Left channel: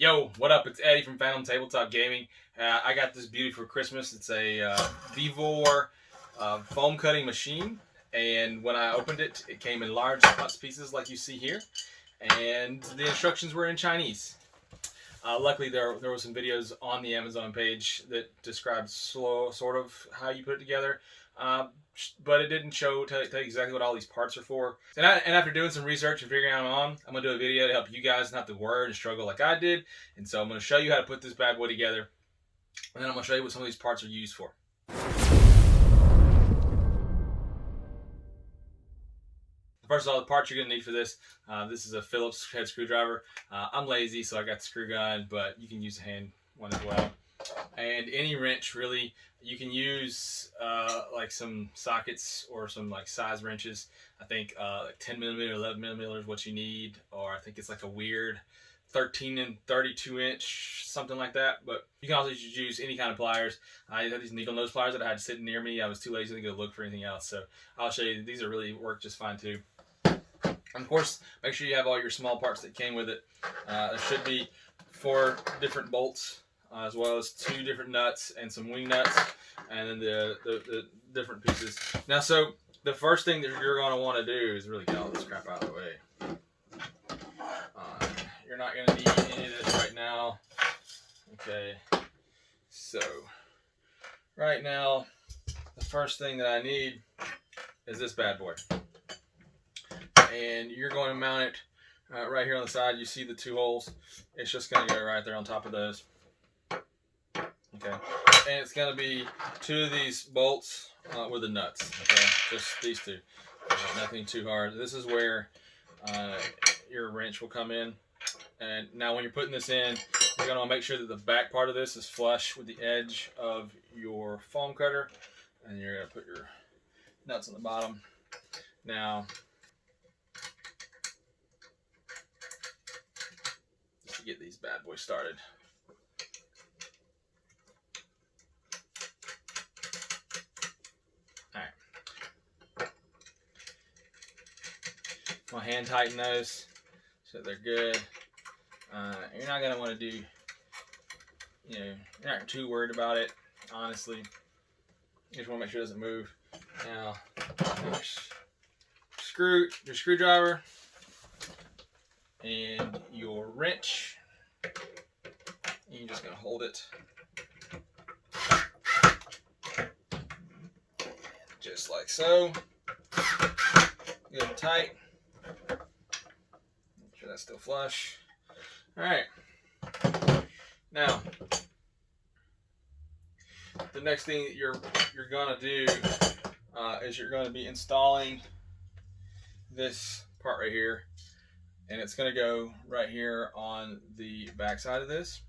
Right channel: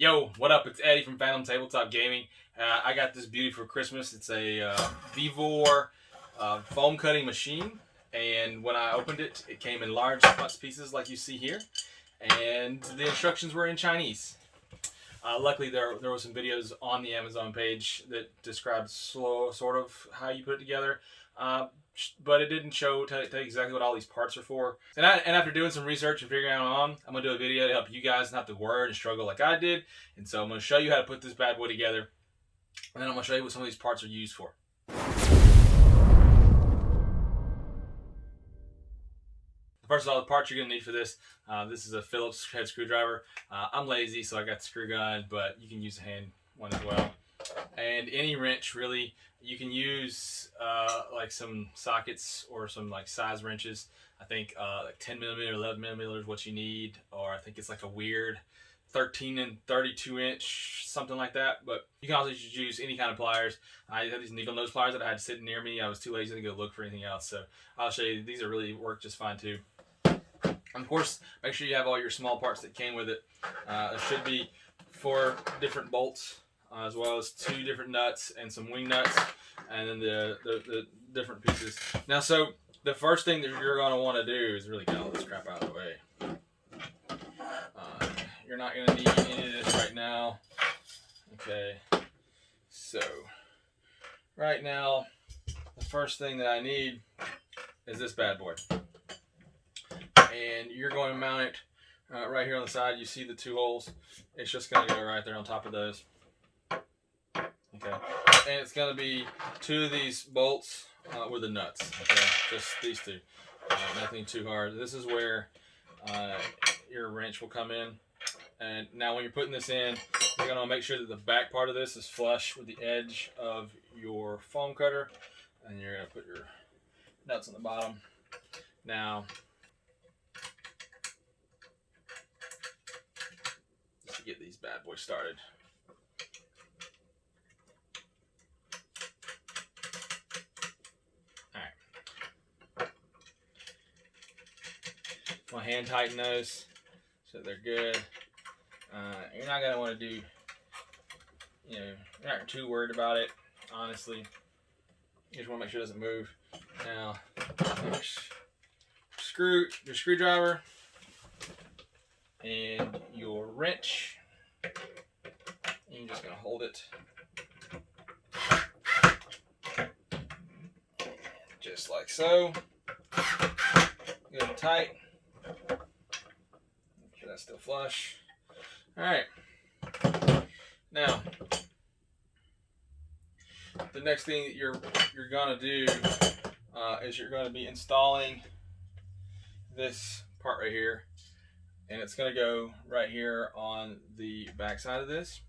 Yo, what up? It's Eddie from Phantom Tabletop Gaming. I got this beauty for Christmas. It's a Vevor Foam Cutting Machine. And when I opened it, it came in large pieces like you see here. And the instructions were in Chinese. Luckily, there were some videos on the Amazon page that described sort of how you put it together. But it didn't tell you exactly what all these parts are for. And after doing some research and figuring out I'm going to do a video to help you guys not have to worry and struggle like I did. And so I'm going to show you how to put this bad boy together. And then I'm going to show you what some of these parts are used for. First of all, the parts you're going to need for this, this is a Phillips head screwdriver. I'm lazy, so I got the screw gun, but you can use a hand one as well. And any wrench, really. You can use like some sockets or some like size wrenches. I think like 10 millimeter, 11 millimeter is what you need, or I think it's like a weird 13 and 32 inch, something like that. But you can also just use any kind of pliers. I have these needle nose pliers that I had sitting near me. I was too lazy to go look for anything else, so I'll show you. These are really work just fine too. And of course, make sure you have all your small parts that came with it. There should be 4 different bolts, as well as 2 different nuts and some wing nuts, and then the different pieces. Now, so the first thing that you're going to want to do is really get all this crap out of the way. You're not going to need any of this right now. Okay, so right now, the first thing that I need is this bad boy. And you're going to mount it right here on the side. You see the 2 holes. It's just going to go right there on top of those. Okay, and it's going to be 2 of these bolts with the nuts. Okay, just these 2. Nothing too hard. This is where your wrench will come in. And now when you're putting this in, you're going to make sure that the back part of this is flush with the edge of your foam cutter. And you're going to put your nuts on the bottom. Now, to get these bad boys started. Alright. I'll hand tighten those so they're good. You're not going to want to do, you're not too worried about it, honestly. You just want to make sure it doesn't move. Now, your screwdriver and your wrench. You're just going to hold it just like so. Good and tight. Make sure that's still flush. Alright. Now, the next thing that you're going to do is you're going to be installing this part right here. And it's going to go right here on the back side of this.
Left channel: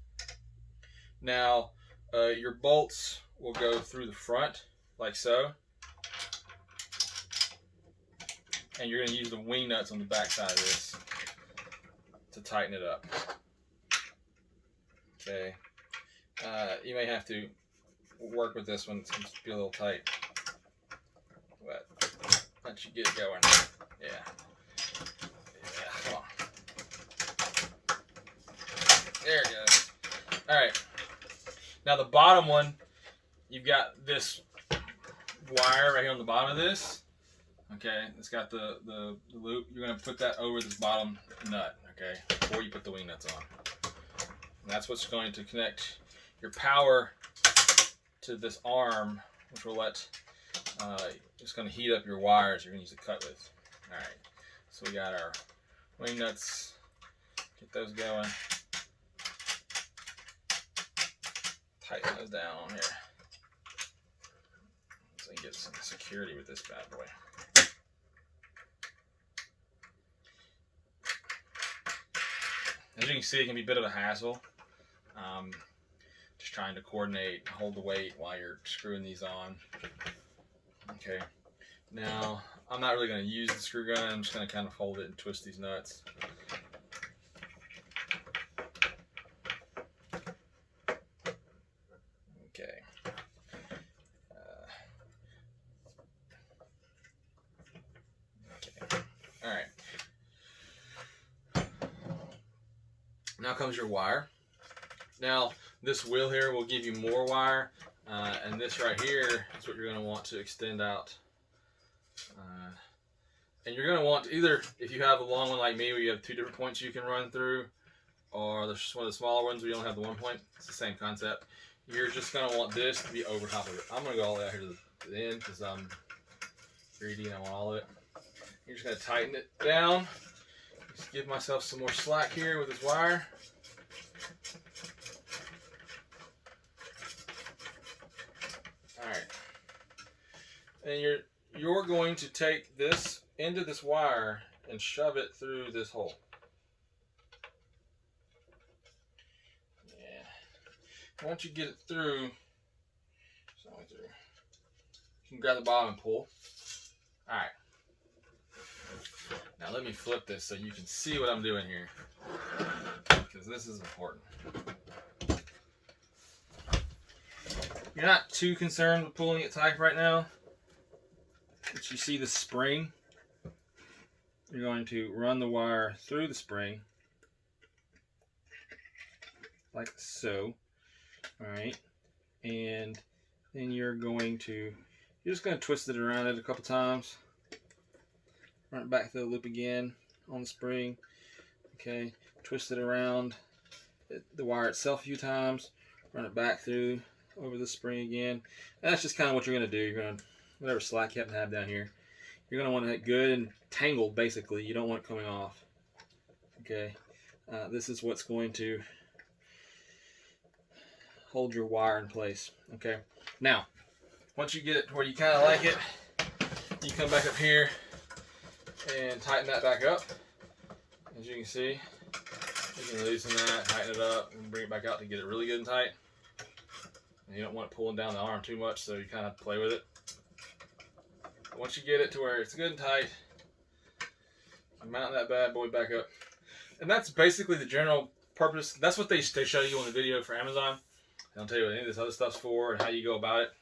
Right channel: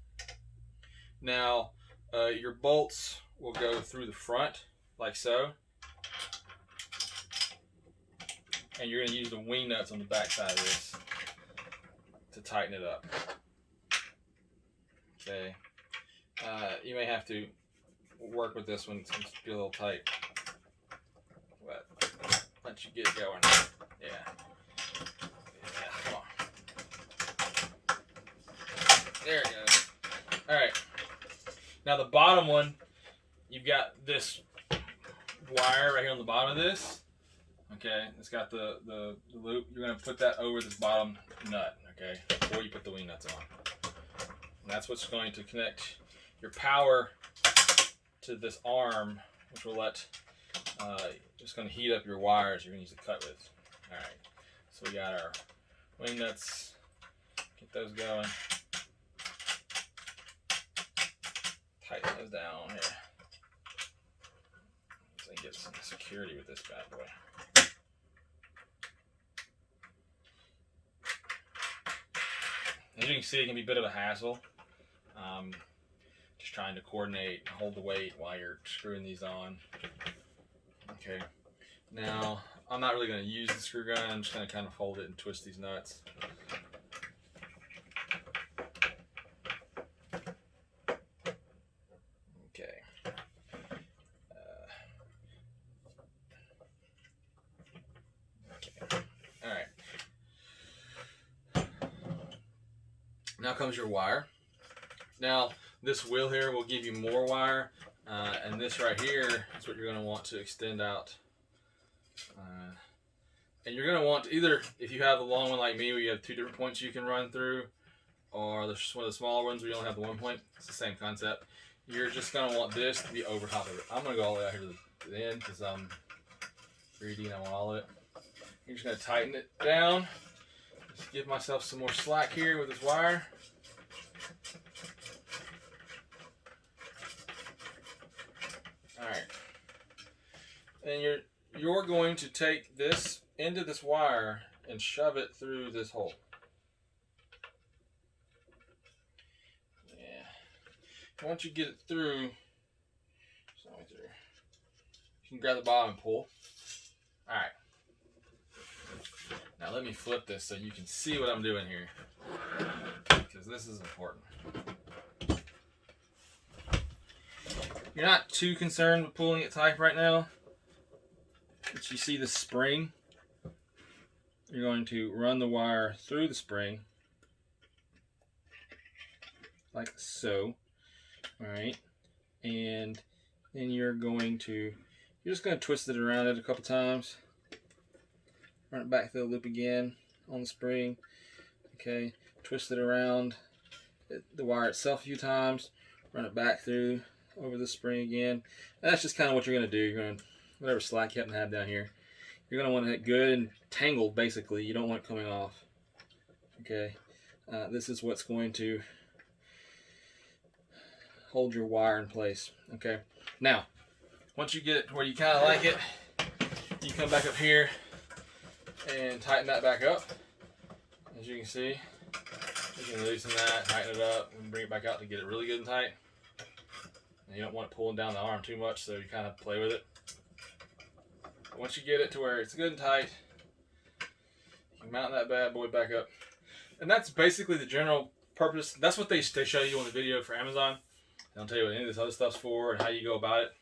Now, your bolts will go through the front, like so. And you're going to use the wing nuts on the back side of this to tighten it up. Okay. You may have to work with this one. It's going to be a little tight. But once you get it going, yeah. There it goes. Alright. Now the bottom one, you've got this wire right here on the bottom of this. Okay, it's got the loop. You're going to put that over this bottom nut, okay, before you put the wing nuts on. And that's what's going to connect your power to this arm, which will it's going to heat up your wires you're going to use to cut with. Alright, so we got our wing nuts. Get those going. Tighten those down on here so you get some security with this bad boy. As you can see, it can be a bit of a hassle. Just trying to coordinate, hold the weight while you're screwing these on. Okay. Now, I'm not really going to use the screw gun. I'm just going to kind of hold it and twist these nuts. Okay. Okay. All right. Now comes your wire. Now this wheel here will give you more wire, and this right here is what you're going to want to extend out. And you're going to want to either, if you have a long one like me where you have 2 different points you can run through, or there's one of the smaller ones where you only have the 1 point, it's the same concept. You're just going to want this to be over top of it. I'm going to go all the way out here to the end because I'm greedy and I want all of it. You're just going to tighten it down. Just give myself some more slack here with this wire. Alright. And you're going to take this end of this wire and shove it through this hole. Yeah. Once you get it through, you can grab the bottom and pull. Alright. Now let me flip this so you can see what I'm doing here, because this is important. You're not too concerned with pulling it tight right now, but you see the spring. You're going to run the wire through the spring, like so. Alright, and then you're just going to twist it around it a couple times. Run it back through the loop again on the spring. Okay, twist it around the wire itself a few times. Run it back through over the spring again. And that's just kind of what you're going to do. You're going to, whatever slack you happen to have down here, you're going to want it good and tangled basically. You don't want it coming off. Okay, this is what's going to hold your wire in place. Okay, now once you get it to where you kind of like it, you come back up here and tighten that back up. As you can see, you can loosen that, tighten it up, and bring it back out to get it really good and tight. And you don't want it pulling down the arm too much, so you kind of play with it. But once you get it to where it's good and tight, you can mount that bad boy back up. And that's basically the general purpose. That's what they show you on the video for Amazon. They'll tell you what any of this other stuff's for and how you go about it.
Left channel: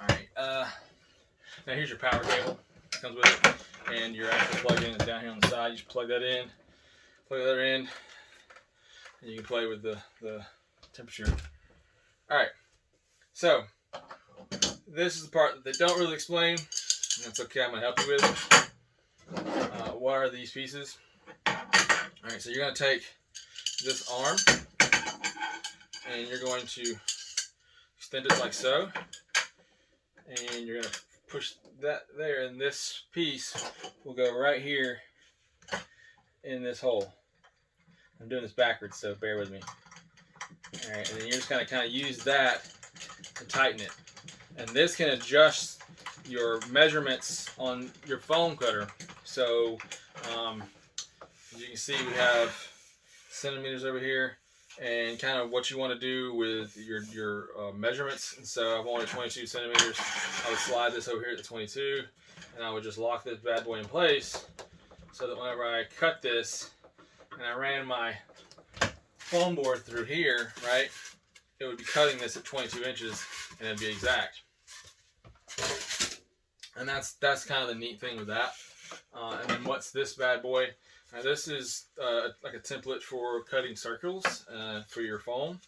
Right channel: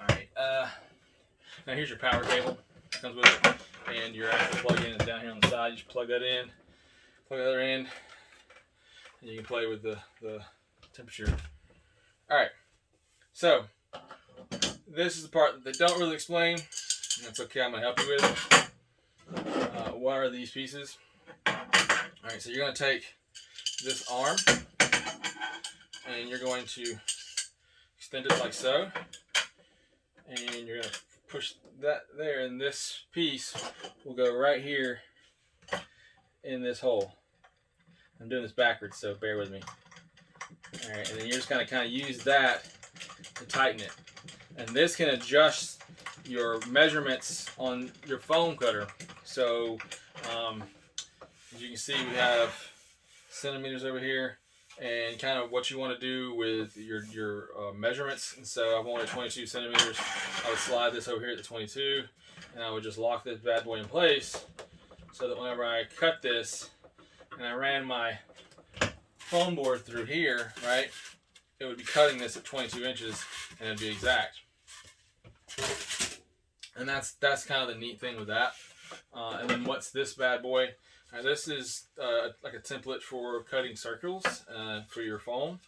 Alright, now here's your power cable. Comes with it, and your actual plug-in is down here on the side. You just plug that in, plug the other end, and you can play with the temperature. Alright, so this is the part that they don't really explain, and that's okay, I'm going to help you with it. What are these pieces? Alright, so you're going to take this arm, and you're going to extend it like so, and you're going to push that there, and this piece will go right here in this hole. I'm doing this backwards, so bear with me. Alright, and then you're just going to kind of use that to tighten it. And this can adjust your measurements on your foam cutter. So, as you can see, we have centimeters over here, and kind of what you want to do with your measurements. And so I wanted 22 centimeters. I would slide this over here at the 22, and I would just lock this bad boy in place so that whenever I cut this and I ran my foam board through here, right, it would be cutting this at 22 inches and it'd be exact. And that's kind of the neat thing with that. And then what's this bad boy? This is like a template for cutting circles for your foam,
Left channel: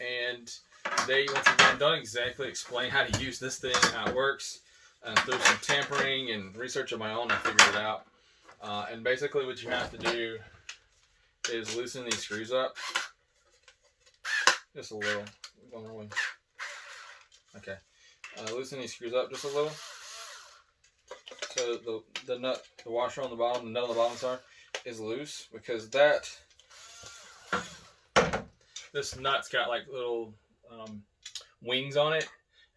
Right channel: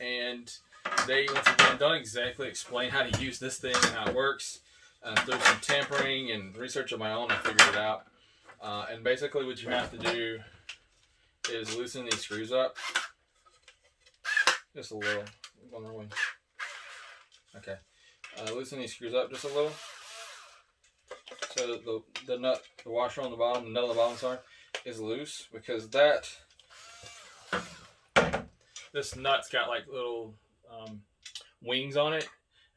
and they once again don't exactly explain how to use this thing and how it works. Through some tampering and research of my own, I figured it out. And basically what you have to do is loosen these screws up just a little. Okay, loosen these screws up just a little. So the nut, the washer on the bottom, the nut on the bottom, sorry, is loose, because this nut's got like little wings on it,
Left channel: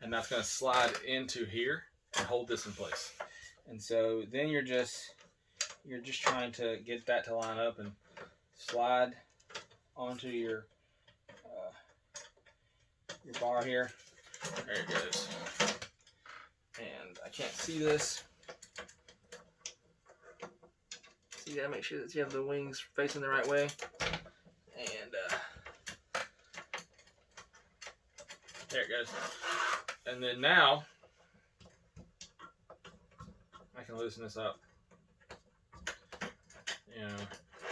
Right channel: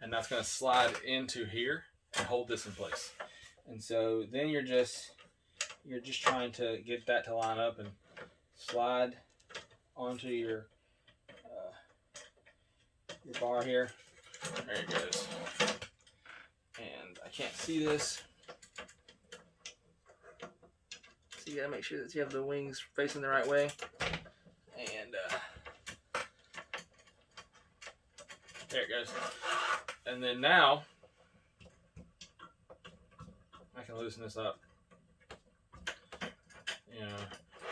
and that's going to slide into here and hold this in place. And so then you're just trying to get that to line up and slide onto your bar here. There it goes. And I can't see this. So you gotta make sure that you have the wings facing the right way. And there it goes. And then now I can loosen this up. You know,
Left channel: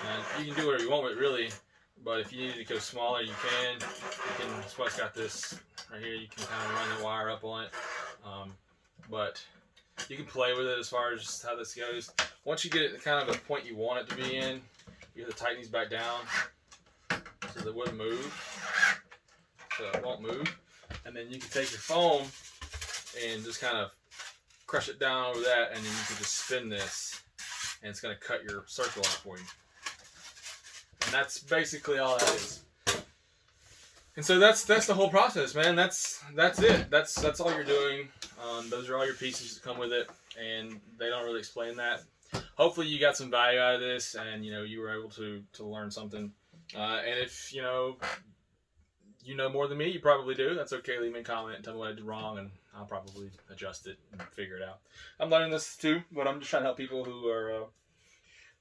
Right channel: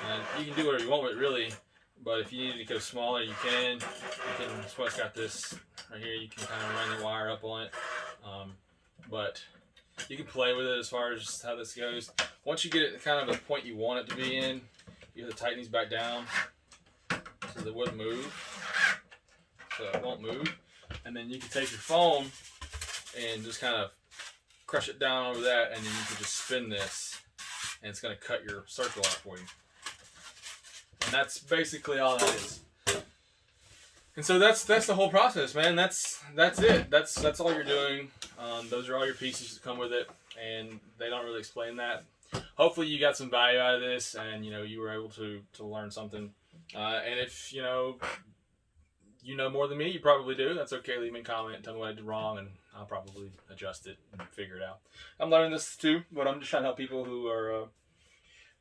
and you can do whatever you want with it, really. But if you need to go smaller, you can. That's why it's got this right here. You can kind of run the wire up on it. But you can play with it as far as how this goes. Once you get it kind of a point you want it to be in, you have to tighten these back down so that it wouldn't move. So it won't move. And then you can take your foam and just kind of crush it down over that, and then you can just spin this, and it's going to cut your circle out for you. And that's basically all that is. And so that's the whole process, man. That's it. That's all you're doing. Those are all your pieces that come with it, and they don't really explain that. Hopefully you got some value out of this, and you were able to learn something. And if you know more than me, you probably do. That's okay. Leave me a comment and tell me what I did wrong, and I'll probably adjust it and figure it out. I'm learning this too, but I'm just trying to help people who are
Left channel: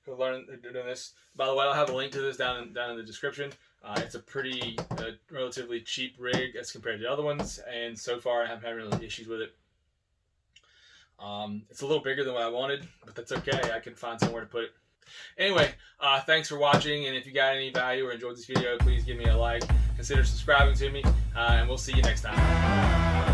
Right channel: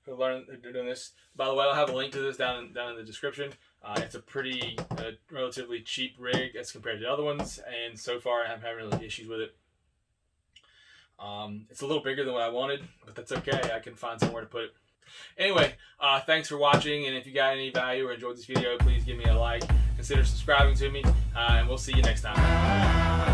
doing this. By the way, I'll have a link to this down in the description. It's a pretty relatively cheap rig as compared to other ones, and so far I haven't had really issues with it. It's a little bigger than what I wanted, but that's okay. I can find somewhere to put it. Anyway, thanks for watching, and if you got any value or enjoyed this video, please give me a like. Consider subscribing to me, and we'll see you next time.